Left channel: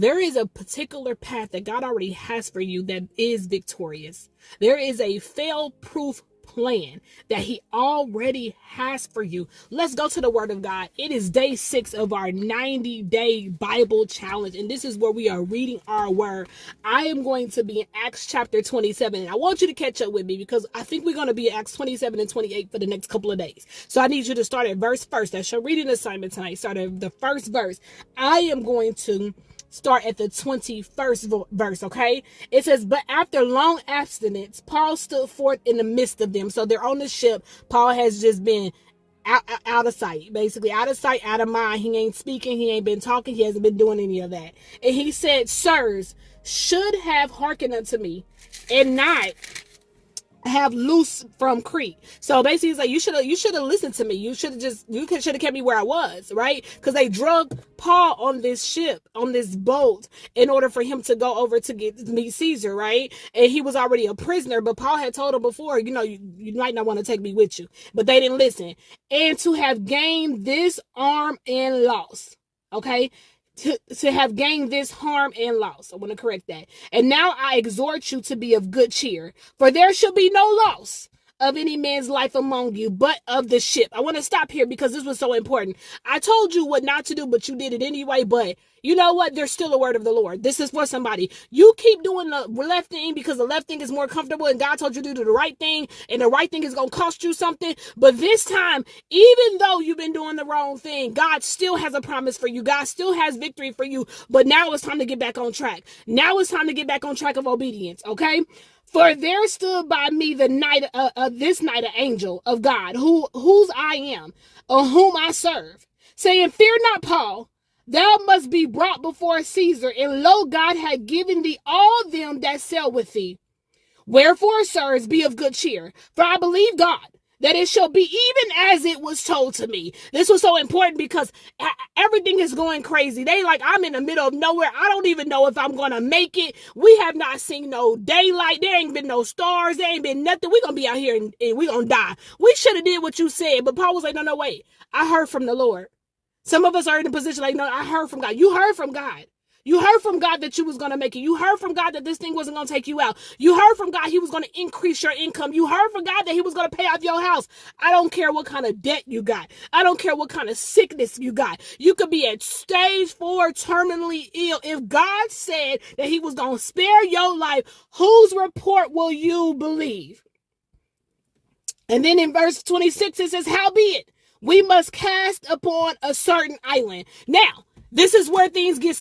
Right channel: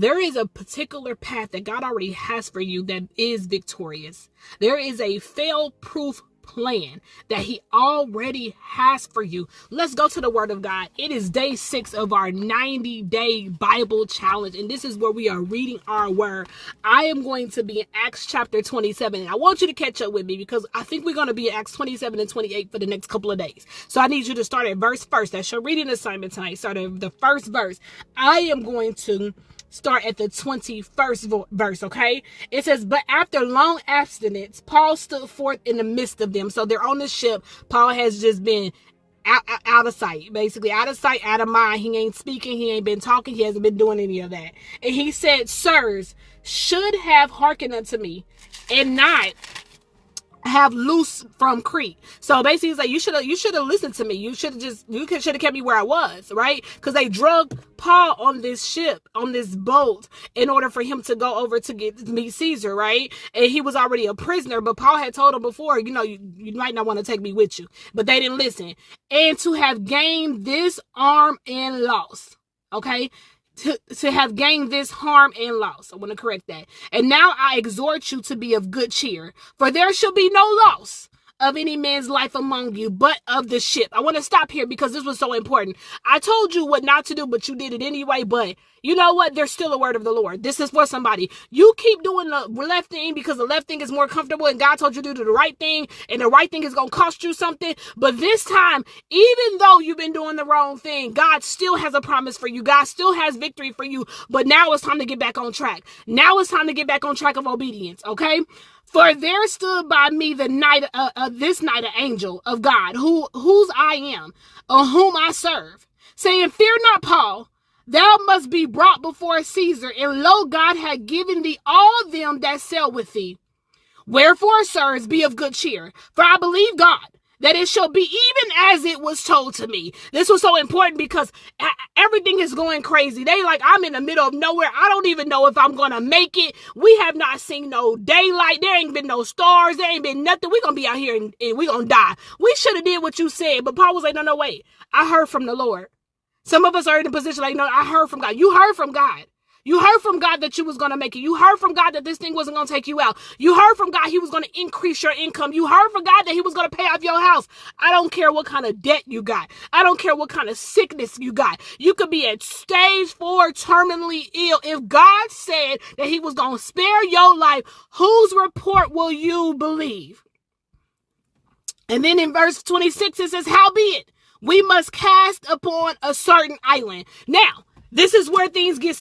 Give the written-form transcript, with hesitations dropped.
There is a particular path that God already has for you that is victorious. There is a fail-proof plan that he already has for you. Let's go to the word of God. It is day 6 of our 90-day Bible challenge, and this is where we are reading our word. I am going to be in Acts chapter 27, and I want you to catch up with me because I think we're going to be in Acts 27 and 28 for the next couple of days. So I need you to start at verse first. That's your reading assignment tonight. Start at the first verse. I am going to start at the 21st verse, okay? It says, but after long abstinence, Paul stood forth in the midst of them. So they're on the ship. Paul has just been out of sight, basically out of sight, out of mind. He ain't speaking. He ain't been talking. He hasn't been doing any of that. And he said, sirs, should have hearkened unto me and not have loose from Crete. So basically, he's like, you should have listened to me. You should have kept me where I was, right? Because they drug Paul on this ship, on this boat, in order for him to go over to meet Caesar, right? And he was already a prisoner, but Paul had told him before, you might not want to take me with you, but they didn't listen. And to have gained this harm and loss, okay? To have gained this harm and loss. I want to correct that. And now I exhort you to be of good cheer, for there shall be no loss of any man's life among you, but of the ship. I want to stop here because this was so important. I told you what not to do, but you did it anyway. But you know what? There's still a word of the Lord. This is for somebody. You keep doing the left thing because the left thing is more comfortable, and God told you to do the right thing, and the right thing is going to cost you something. But this time, even though you've been doing the wrong thing, God still has a promise for you. God still has victory for you. But now it's time to get back on track. Now it's time to get back on track of obedience, okay? For there stood by me this night an angel of God, whose I am, whom I serve, saying, fear not, Paul, thou must be brought before Caesar, and lo, God hath given thee all them that sail with thee. Wherefore, sirs, be of good cheer, for I believe God, that it shall be even as it was told to me. This was so important because everything is going crazy. They like, I'm in the middle of nowhere. I don't even know if I'm going to make it. We have not seen no daylight. There ain't been no stars. There ain't been nothing. We're going to be out here and we're going to die. We should have did what you said. But Paul was like, no, wait. I heard from the Lord. Some of us are in a position like, no, I heard from God. You heard from God. You heard from God that you was going to make it. You heard from God that this thing wasn't going to take you out. You heard from God he was going to increase your income. You heard from God that he was going to pay off your house. I don't care what kind of debt you got. I don't care what kind of sickness you got. You could be at stage 4, terminally ill. If God said that he was going to spare your life, whose report will you believe? And then in verse 26, it says, howbeit, we must cast upon a certain island. Now, this is where things get